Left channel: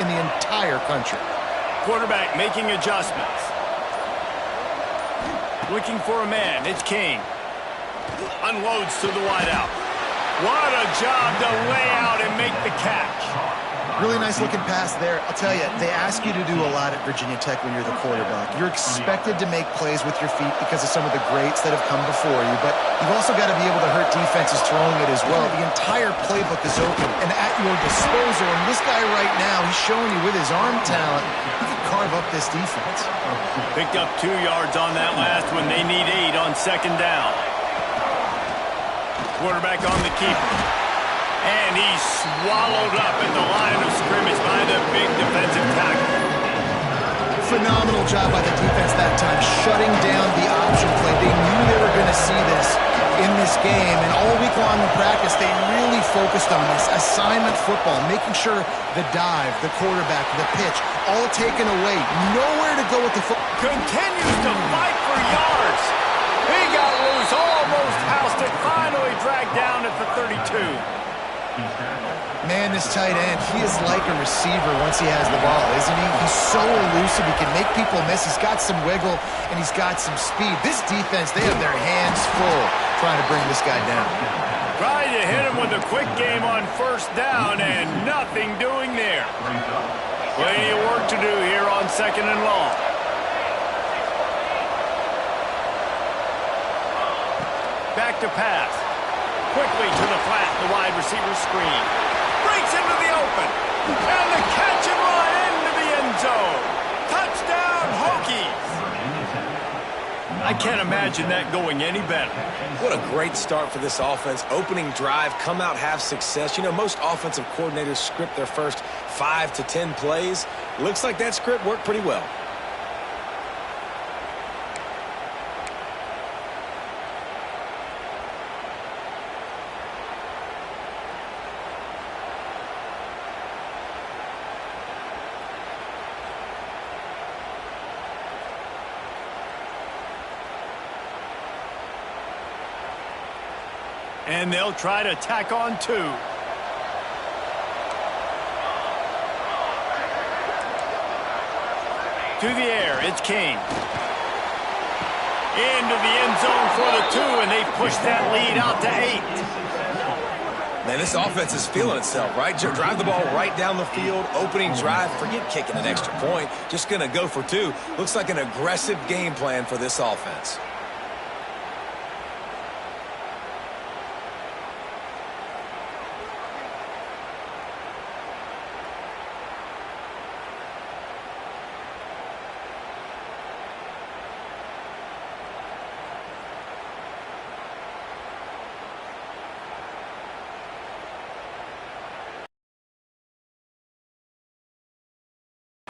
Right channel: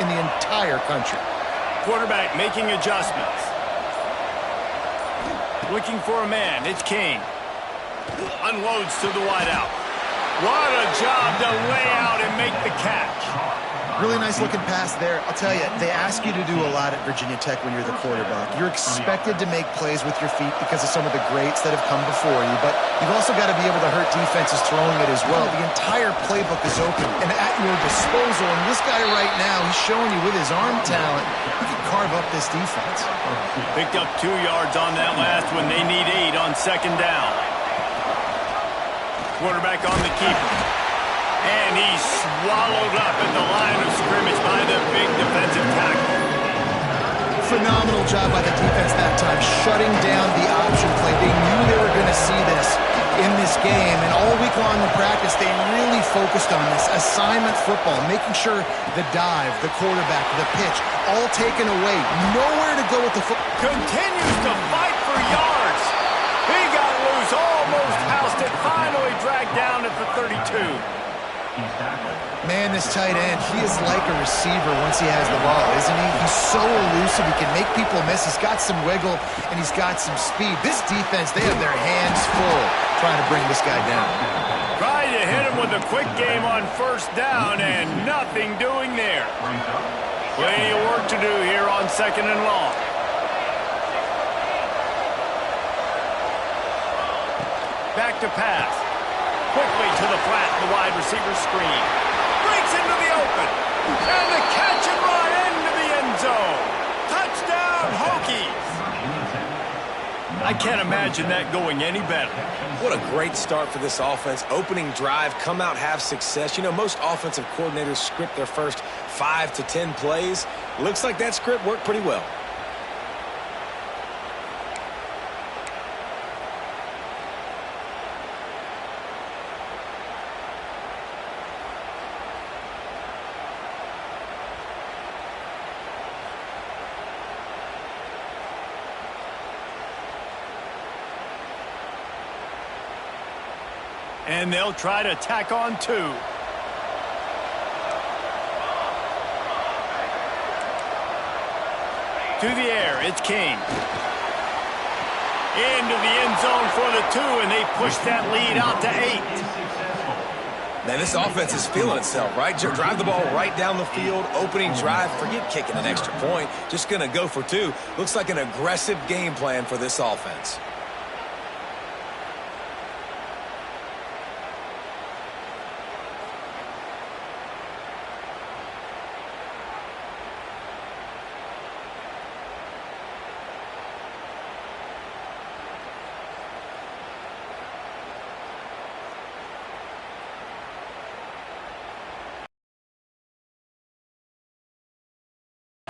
in the entire country. Quarterback making adjustments. Looking for a man. It's King. Unloads to the wideout. What a job to lay out and make the catch. Really nice looking pass there. I'll tell you, they ask you to do a lot at Virginia Tech when you're the quarterback. You're expected to make plays with your feet because of some of the greats that have come before you, but you've also got to be able to hurt defenses throwing it as well. The entire playbook is open and at your disposal, and this guy right now, he's showing you with his arm talent, he can carve up this defense. Picked up 2 yards on that last one. They need 8 on second down. Quarterback on the keeper. And he's swallowed up at the line of scrimmage by the big defensive tackle. Phenomenal job by the defense that time, shutting down the option play. They knew they were going to see this in this game, and all week long in practice, they really focused on this assignment football, making sure the dive, the quarterback, the pitch, all taken away. Nowhere to go with the football. Continues to fight for yards. He got loose, almost housed it, finally dragged down at the 32. Man, this tight end, he is like a receiver once he has the ball, isn't he? He's so elusive. He can make people miss. He's got some wiggle, and he's got some speed. This defense, they have their hands full trying to bring this guy down. Tried to hit him with a quick game on first down, and nothing doing there. Plenty of work to do here on second and long. Back to pass. Quickly to the flat, the wide receiver screen. Breaks into the open. And the catch and run into the end zone. Touchdown, Hokies. I can't imagine that going any better. What a great start for this offense. Opening drive, come out, have success. You know, most offensive coordinators script their first 5 to 10 plays. Looks like that script worked pretty well. And they'll try to tack on 2. To the air, it's King. Into the end zone for the 2, and they push that lead out to 8. Man, this offense is feeling itself, right? Drive the ball right down the field, opening drive, forget kicking an extra point. Just going to go for 2. Looks like an aggressive game plan for this offense.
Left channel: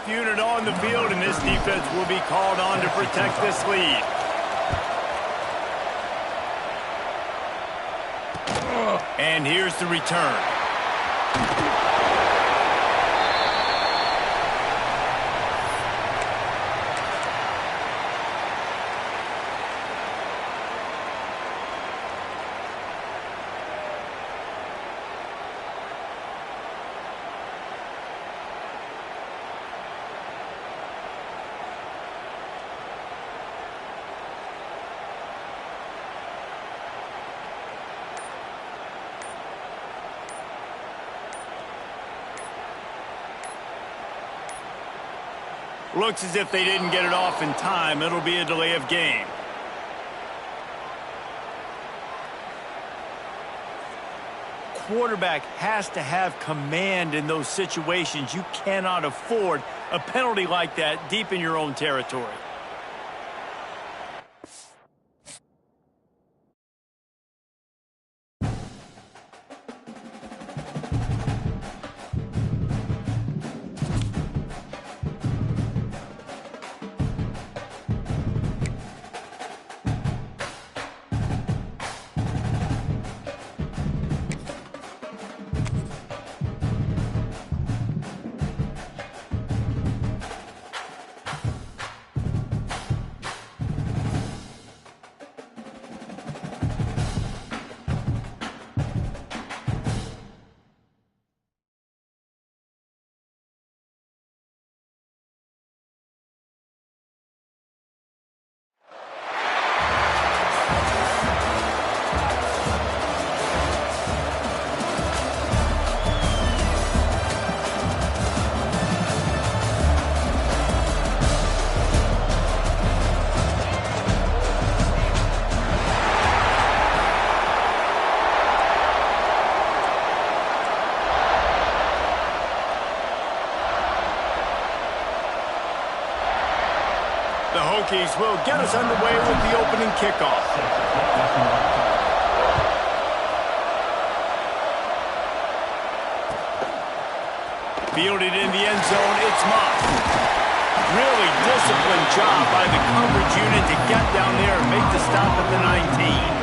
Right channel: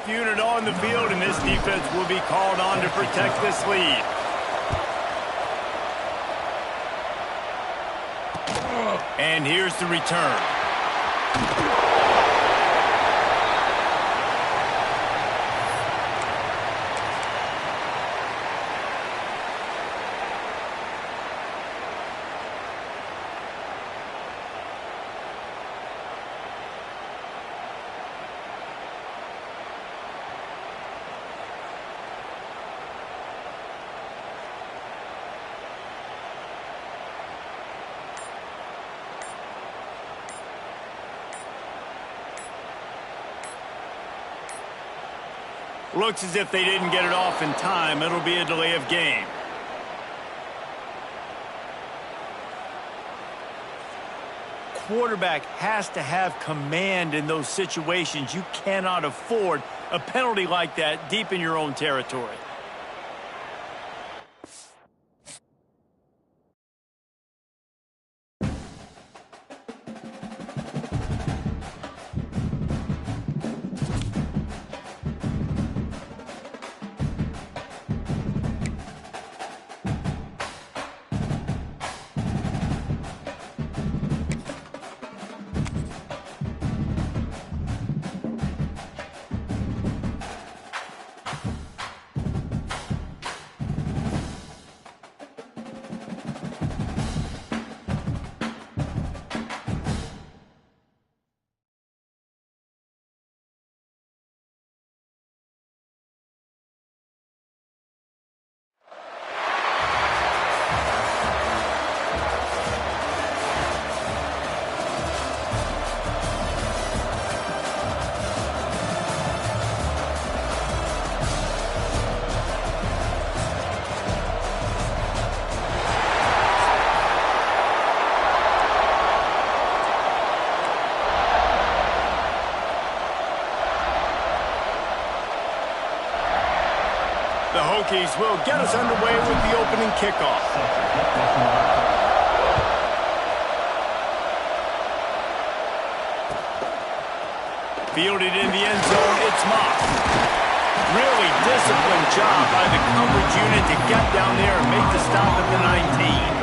Unit on the field, and this defense will be called on to protect this lead. And here's the return. Looks as if they didn't get it off in time. It'll be a delay of game. Quarterback has to have command in those situations. You cannot afford a penalty like that deep in your own territory. The Hokies will get us underway with the opening kickoff. Fielded in the end zone, it's Moss. Really disciplined job by the coverage unit to get down there and make the stop at the 19.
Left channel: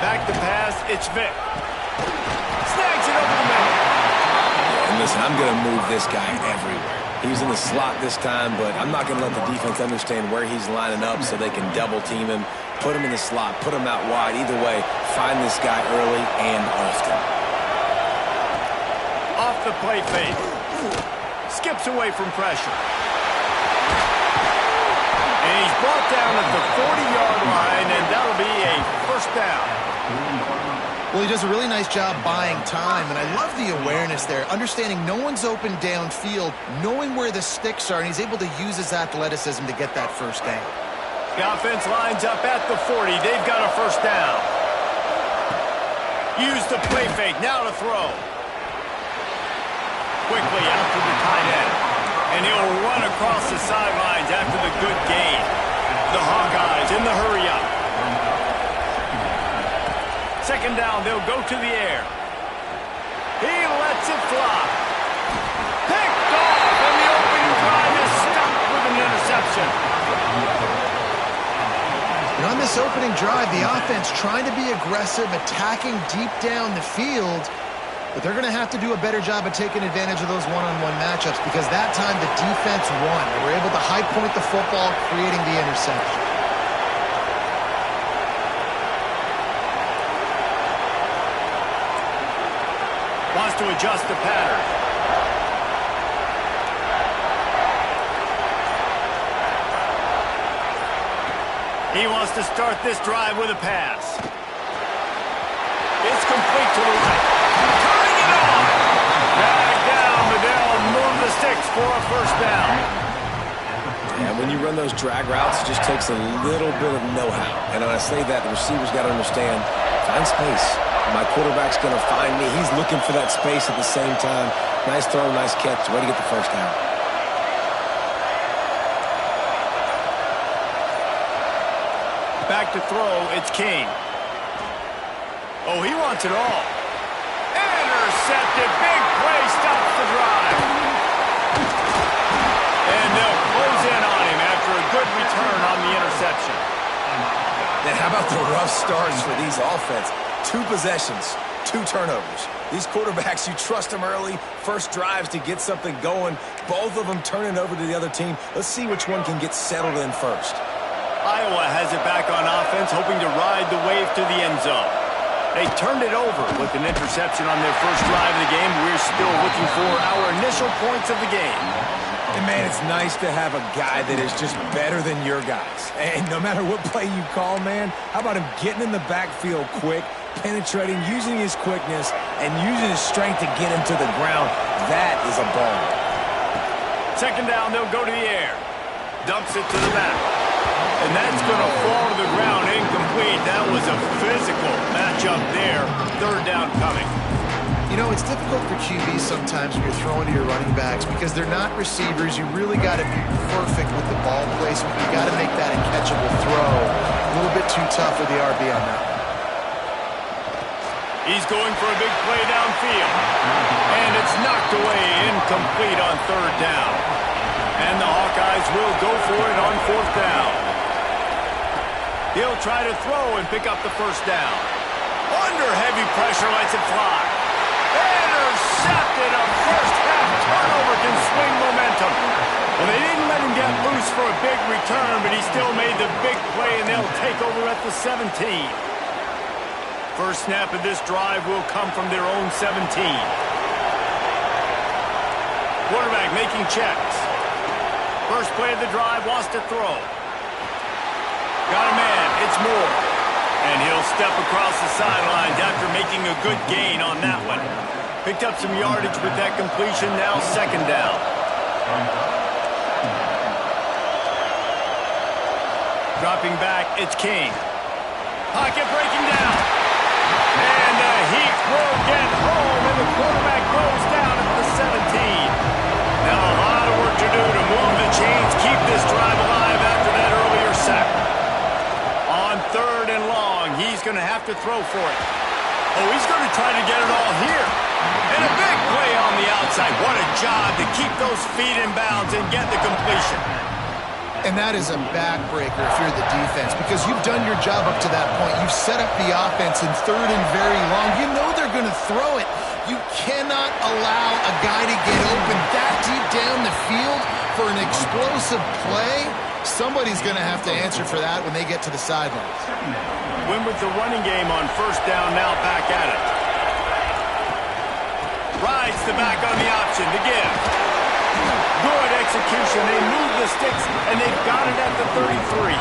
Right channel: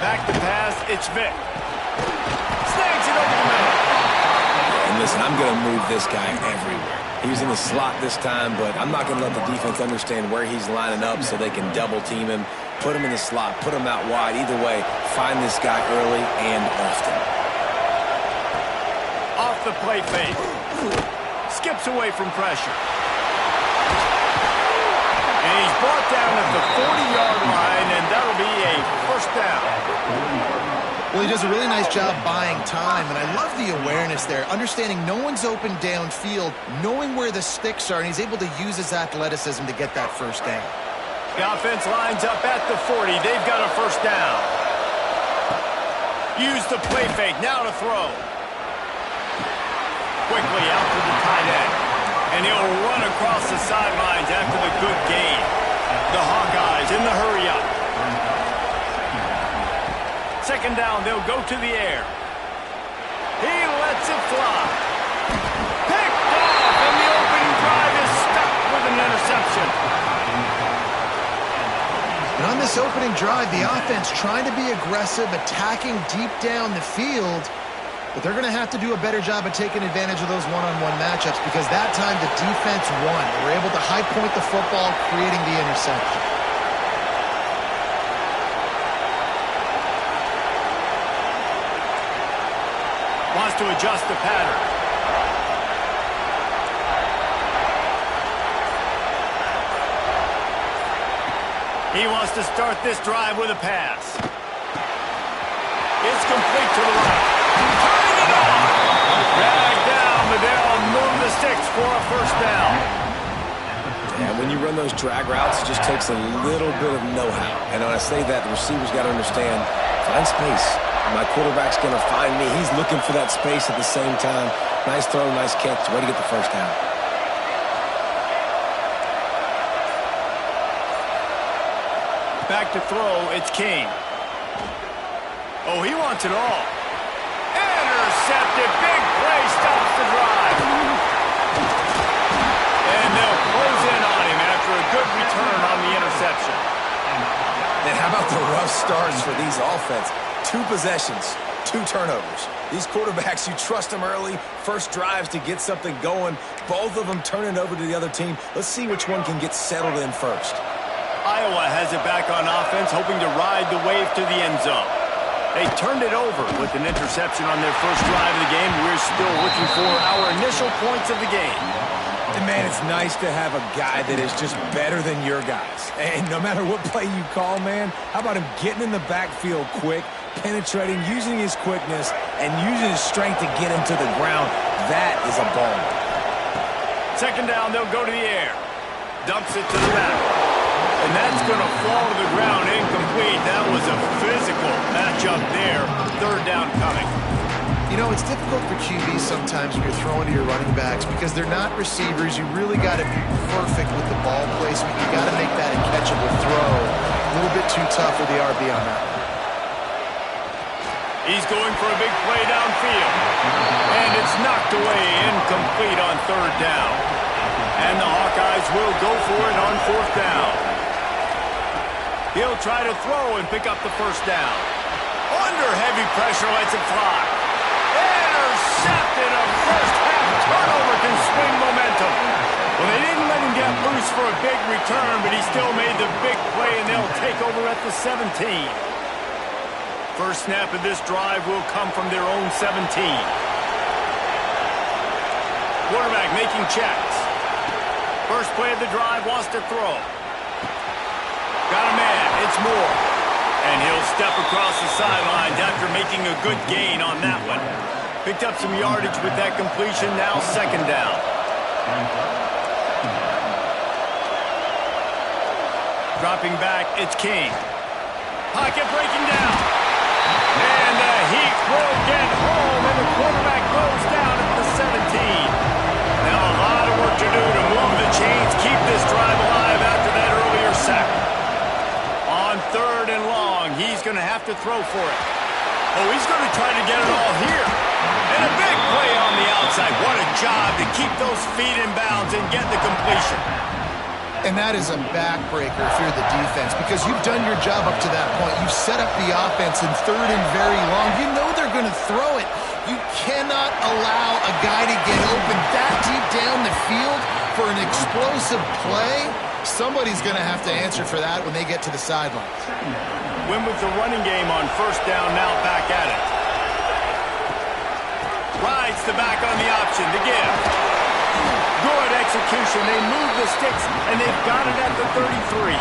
Back to pass, it's Vic. Snags it over the middle. And listen, I'm going to move this guy everywhere. He's in the slot this time, but I'm not going to let the defense understand where he's lining up so they can double team him, put him in the slot, put him out wide. Either way, find this guy early and often. Off the play fake. Skips away from pressure. And he's brought down at the 40-yard line, and that'll be a first down. Well, he does a really nice job buying time, and I love the awareness there, understanding no one's open downfield, knowing where the sticks are, and he's able to use his athleticism to get that first down. The offense lines up at the 40. They've got a first down. Use the play fake. Now to throw. Quickly out to the tight end. And he'll run across the sidelines after the good gain. The Hawkeyes in the hurry up. Second down, they'll go to the air. He lets it fly. Picked off, and the opening drive is stuck with an interception. And on this opening drive, the offense trying to be aggressive, attacking deep down the field, but they're going to have to do a better job of taking advantage of those one-on-one matchups because that time the defense won. They were able to high point the football, creating the interception. Wants to adjust the pattern. He wants to start this drive with a pass. It's complete to the right. Turning it on. Dragged down, but they'll move the sticks for a first down. Yeah, when you run those drag routes, it just takes a little bit of know-how. And when I say that, the receiver's got to understand, find space. My quarterback's going to find me. He's looking for that space at the same time. Nice throw, nice catch. Way to get the first down. Back to throw, it's King. Oh, he wants it all. Intercepted. Big play stops the drive. And they'll close in on him after a good return on the interception. And how about the rough starts for these offense? 2 possessions, 2 turnovers. These quarterbacks, you trust them early. First drives to get something going. Both of them turning over to the other team. Let's see which one can get settled in first. Iowa has it back on offense, hoping to ride the wave to the end zone. They turned it over with an interception on their first drive of the game. We're still looking for our initial points of the game. And, man, it's nice to have a guy that is just better than your guys. And no matter what play you call, man, how about him getting in the backfield quick, penetrating, using his quickness, and using his strength to get him to the ground? That is a ball. Second down, they'll go to the air. Dumps it to the back. And that's going to fall to the ground incomplete. That was a physical matchup there. Third down coming. You know, it's difficult for QBs sometimes when you're throwing to your running backs because they're not receivers. You really got to be perfect with the ball placement. You got to make that a catchable throw. A little bit too tough with the RB on that one. He's going for a big play downfield. And it's knocked away, incomplete on third down. And the Hawkeyes will go for it on fourth down. He'll try to throw and pick up the first down. Under heavy pressure, lets it fly. Intercepted. A first half turnover can swing momentum. Well, they didn't let him get loose for a big return, but he still made the big play, and they'll take over at the 17. First snap of this drive will come from their own 17. Quarterback making checks. First play of the drive, wants to throw. Got a man, it's Moore. And he'll step across the sidelines after making a good gain on that one. Picked up some yardage with that completion, now second down. Dropping back, it's King. Pocket breaking down. And the Heat will get home, and the quarterback goes down at the 17. Now a lot of work to do to move the chains, keep this drive alive after that earlier sack. On 3rd and long, he's going to have to throw for it. Oh, he's going to try to get it all here. And a big play on the outside. What a job to keep those feet in bounds and get the completion. And that is a backbreaker if you're the defense, because you've done your job up to that point. You've set up the offense in 3rd and very long. You know they're going to throw it. You cannot allow a guy to get open that deep down the field for an explosive play. Somebody's going to have to answer for that when they get to the sidelines. Win with the running game on 1st down, now back at it. Rides the back on the option to give. Good execution. They move the sticks, and they've got it at the 33.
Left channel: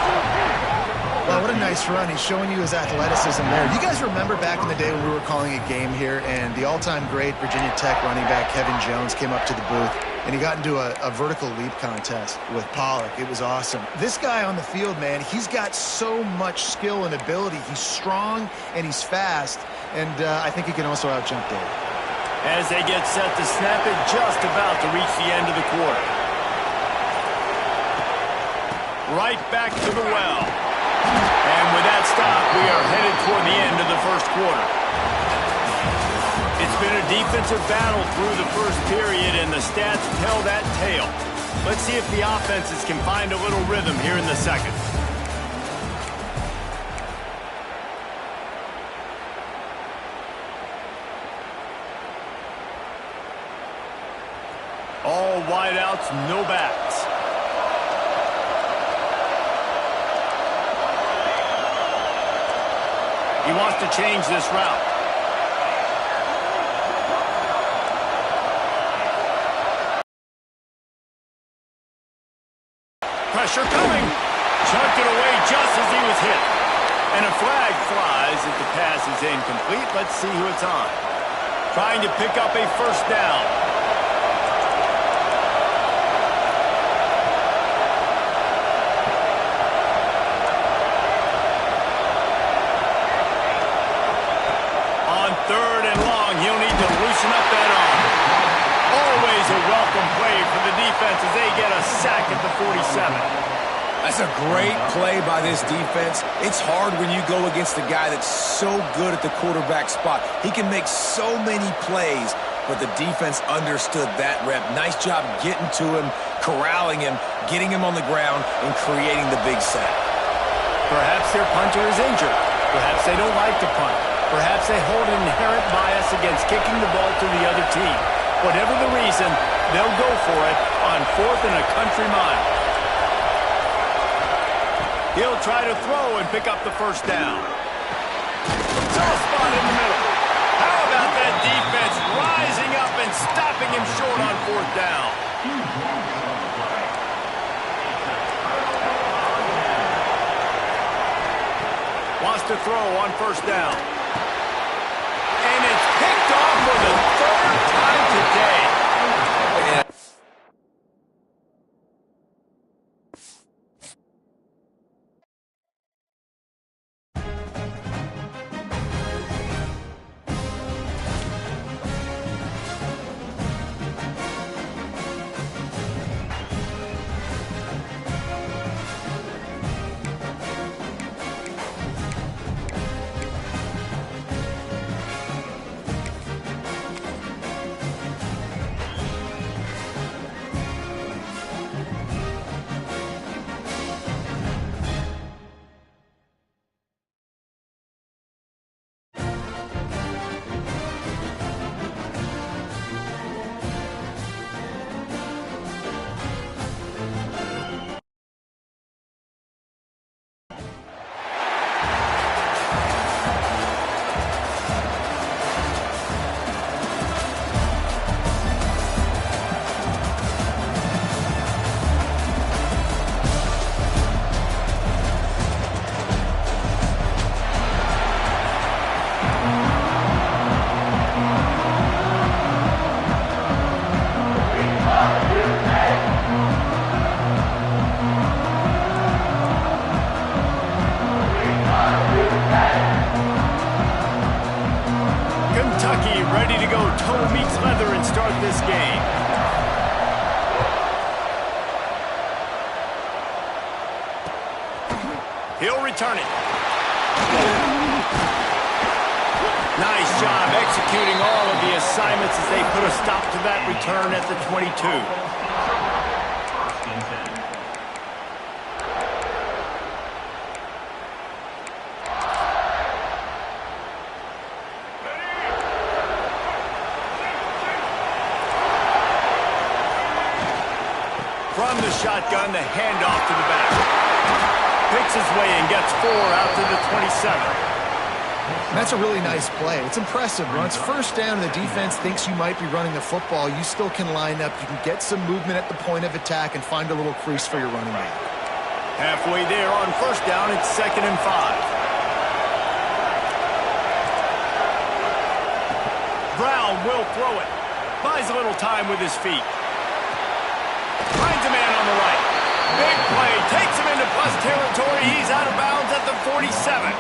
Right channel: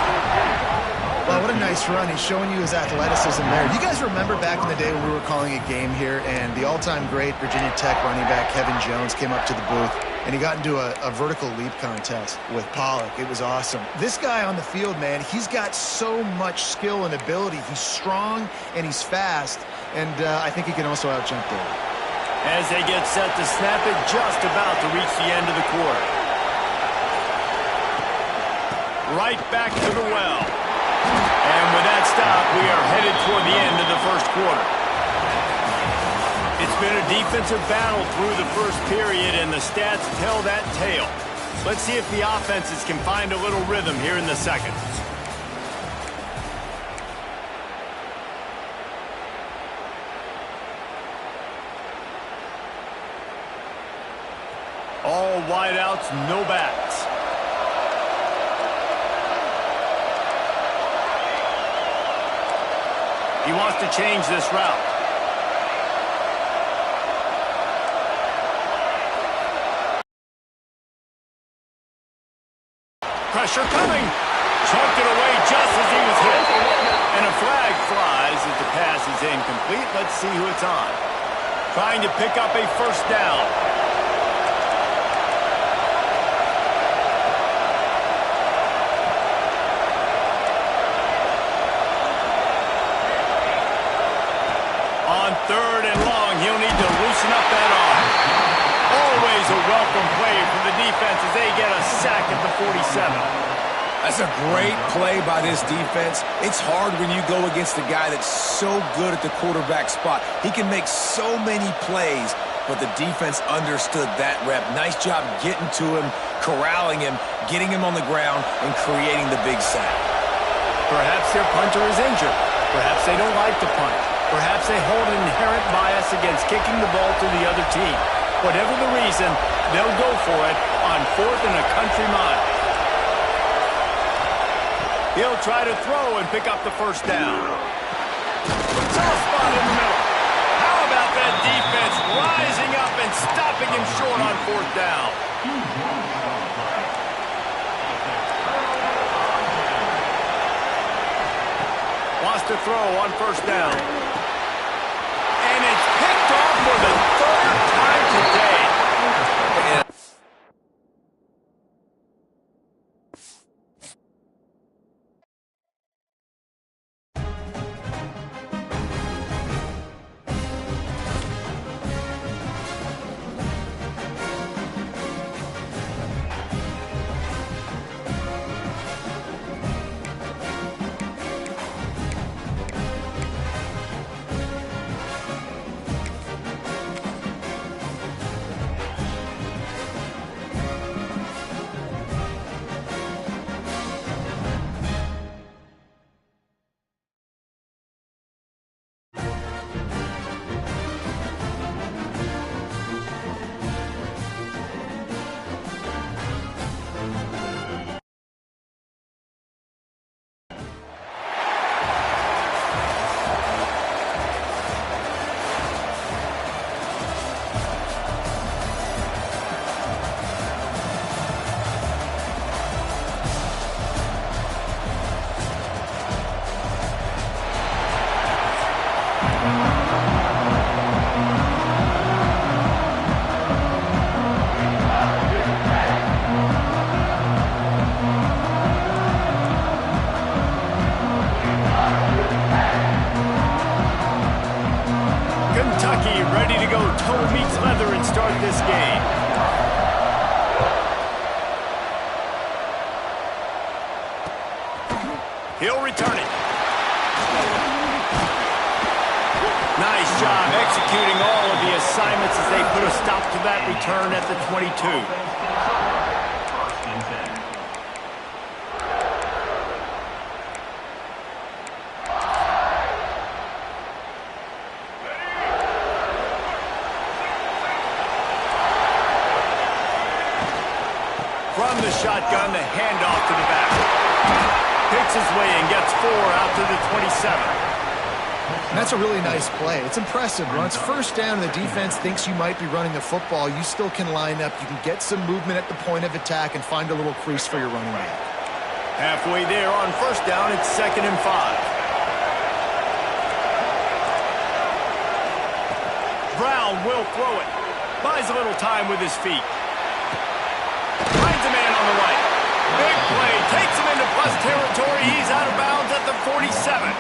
Well, what a nice run. He's showing you his athleticism there. You guys remember back in the day when we were calling a game here, and the all-time great Virginia Tech running back Kevin Jones came up to the booth, and he got into a vertical leap contest with Pollock. It was awesome. This guy on the field, man, he's got so much skill and ability. He's strong, and he's fast, and I think he can also out-jump David. As they get set to snap it, just about to reach the end of the quarter. Right back to the well. And with that stop, we are headed toward the end of the 1st quarter. It's been a defensive battle through the 1st period, and the stats tell that tale. Let's see if the offenses can find a little rhythm here in the 2nd. All wideouts, no backs. He wants to change this route. Pressure coming. Chucked it away just as he was hit. And a flag flies as the pass is incomplete. Let's see who it's on. Trying to pick up a 1st down. On 3rd and long, he'll need to loosen up that arm. Always a welcome play for the defense as they get a sack at the 47. That's a great play by this defense. It's hard when you go against a guy that's so good at the quarterback spot. He can make so many plays, but the defense understood that rep. Nice job getting to him, corralling him, getting him on the ground, and creating the big sack. Perhaps their punter is injured. Perhaps they don't like to punt. Perhaps they hold an inherent bias against kicking the ball to the other team. Whatever the reason, they'll go for it on 4th and a country mile. He'll try to throw and pick up the 1st down. Soft spot in the middle. How about that defense rising up and stopping him short on 4th down? Wants to throw on 1st down. And it's picked off for the 3rd time today. this game. He'll return it. Nice job executing all of the assignments as they put a stop to that return at the 22. From the shotgun, the handoff to the back. Picks his way and gets 4 out to the 27. That's a really nice play. It's impressive. When it's first down and the defense thinks you might be running the football, you still can line up. You can get some movement at the point of attack and find a little crease for your running back. Halfway there on first down, it's 2nd and 5. Brown will throw it. Buys a little time with his feet. Finds a man on the right. Big play. Takes him into plus territory. He's out of bounds at the 47.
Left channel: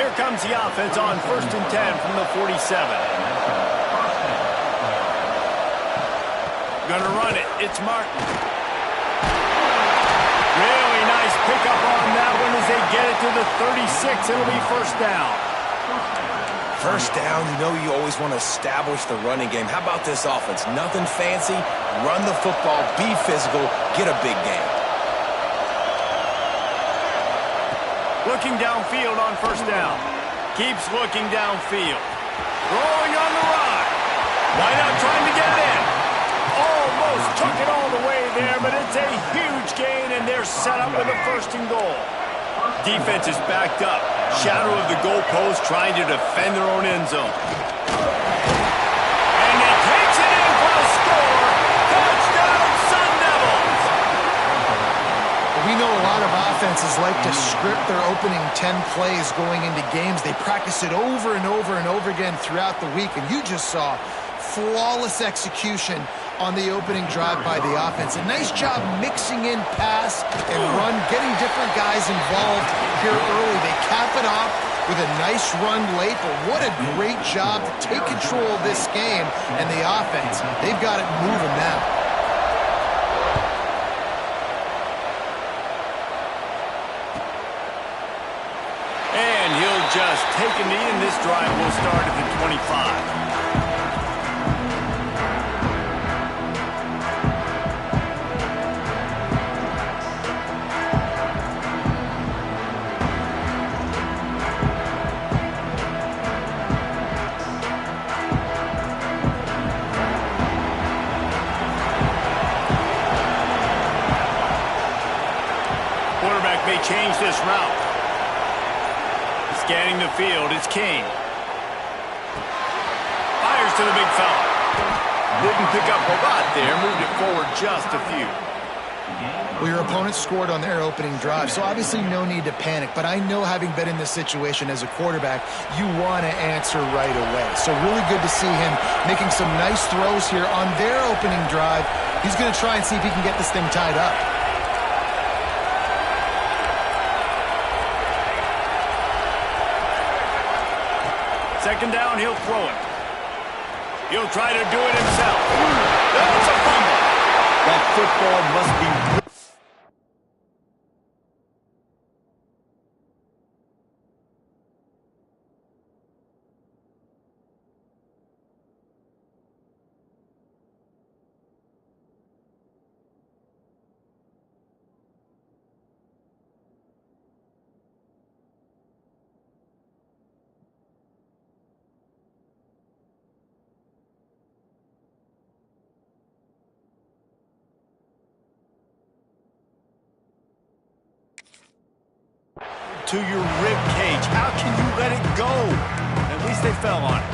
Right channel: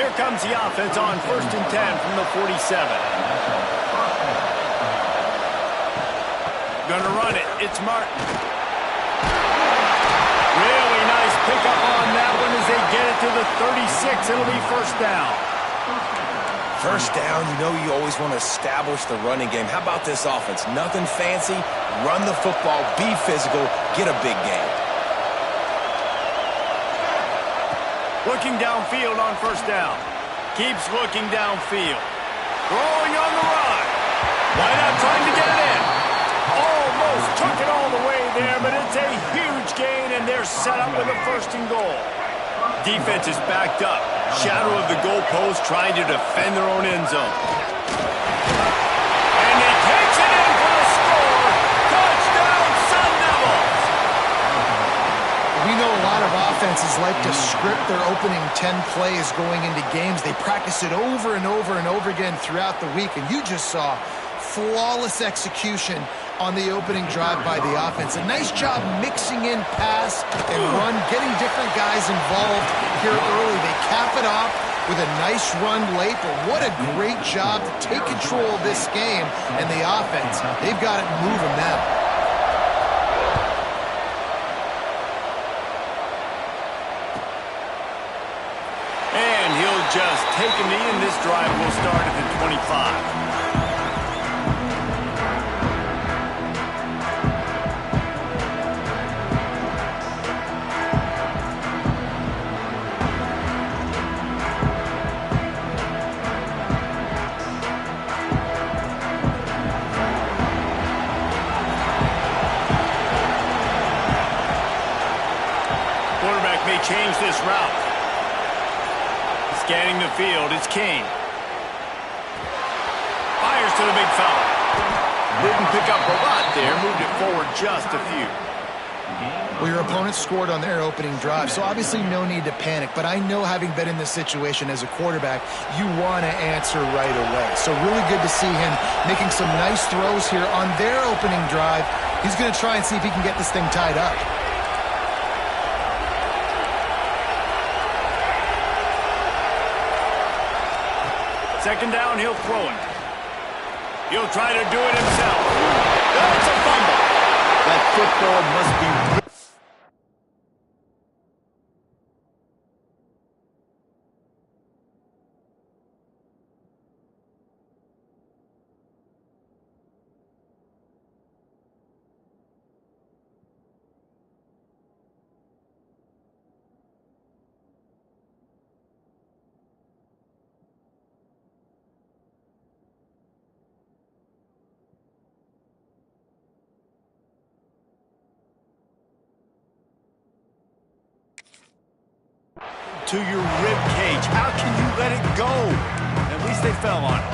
Here comes the offense on 1st and 10 from the 47. Gonna run it. It's Martin. Really nice pickup on that one as they get it to the 36. It'll be first down. First down, you know you always want to establish the running game. How about this offense? Nothing fancy. Run the football, be physical, get a big gain. Looking downfield on first down. Keeps looking downfield. Throwing on the run. Why not trying to get it in? Almost took it all the way there, but it's a huge gain, and they're set up with a 1st and goal. Defense is backed up. Shadow of the goalpost trying to defend their own end zone. And he takes it in for a score. Touchdown, Sun Devils! We know a lot of offenses like to script their opening 10 plays going into games. They practice it over and over and over again throughout the week, and you just saw flawless execution on the opening drive by the offense. A nice job mixing in pass and run, getting different guys involved here early. They cap it off with a nice run late, but what a great job to take control of this game. And the offense, they've got it moving now. And he'll just take a knee, and this drive will start at the 25. Quarterback may change this route. Scanning the field, it's King. Fires to the big fella. Didn't pick up a lot there, moved it forward just a few. Well, your opponent scored on their opening drive, so obviously no need to panic. But I know, having been in this situation as a quarterback, you want to answer right away. So really good to see him making some nice throws here on their opening drive. He's going to try and see if he can get this thing tied up. Second down, he'll throw it. He'll try to do it himself. That's a fumble. That football must be... to your rib cage. How can you let it go? At least they fell on it.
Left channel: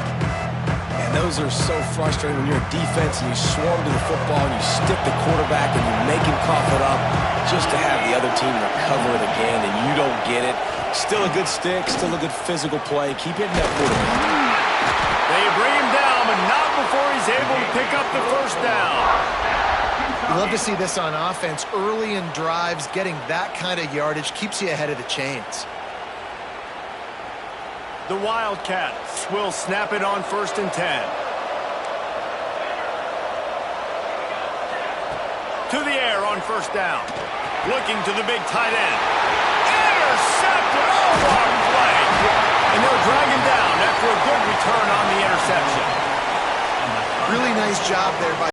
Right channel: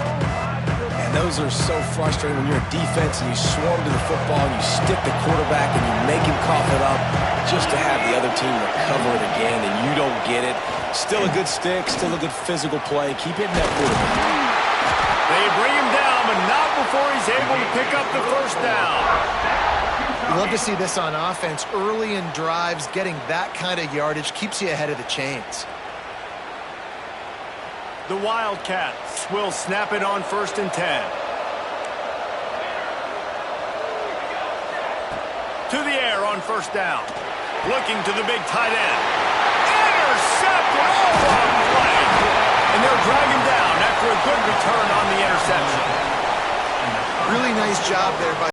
And those are so frustrating when you're a defense and you swarm to the football and you stick the quarterback and you make him cough it up just to have the other team recover it again and you don't get it. Still a good stick, still a good physical play. Keep hitting that quarterback. They bring him down, but not before he's able to pick up the first down. You love to see this on offense. Early in drives, getting that kind of yardage keeps you ahead of the chains. The Wildcats will snap it on 1st and 10. To the air on first down. Looking to the big tight end. Intercepted. Oh, what a play. And they'll drag him down after a good return on the interception. Really nice job there by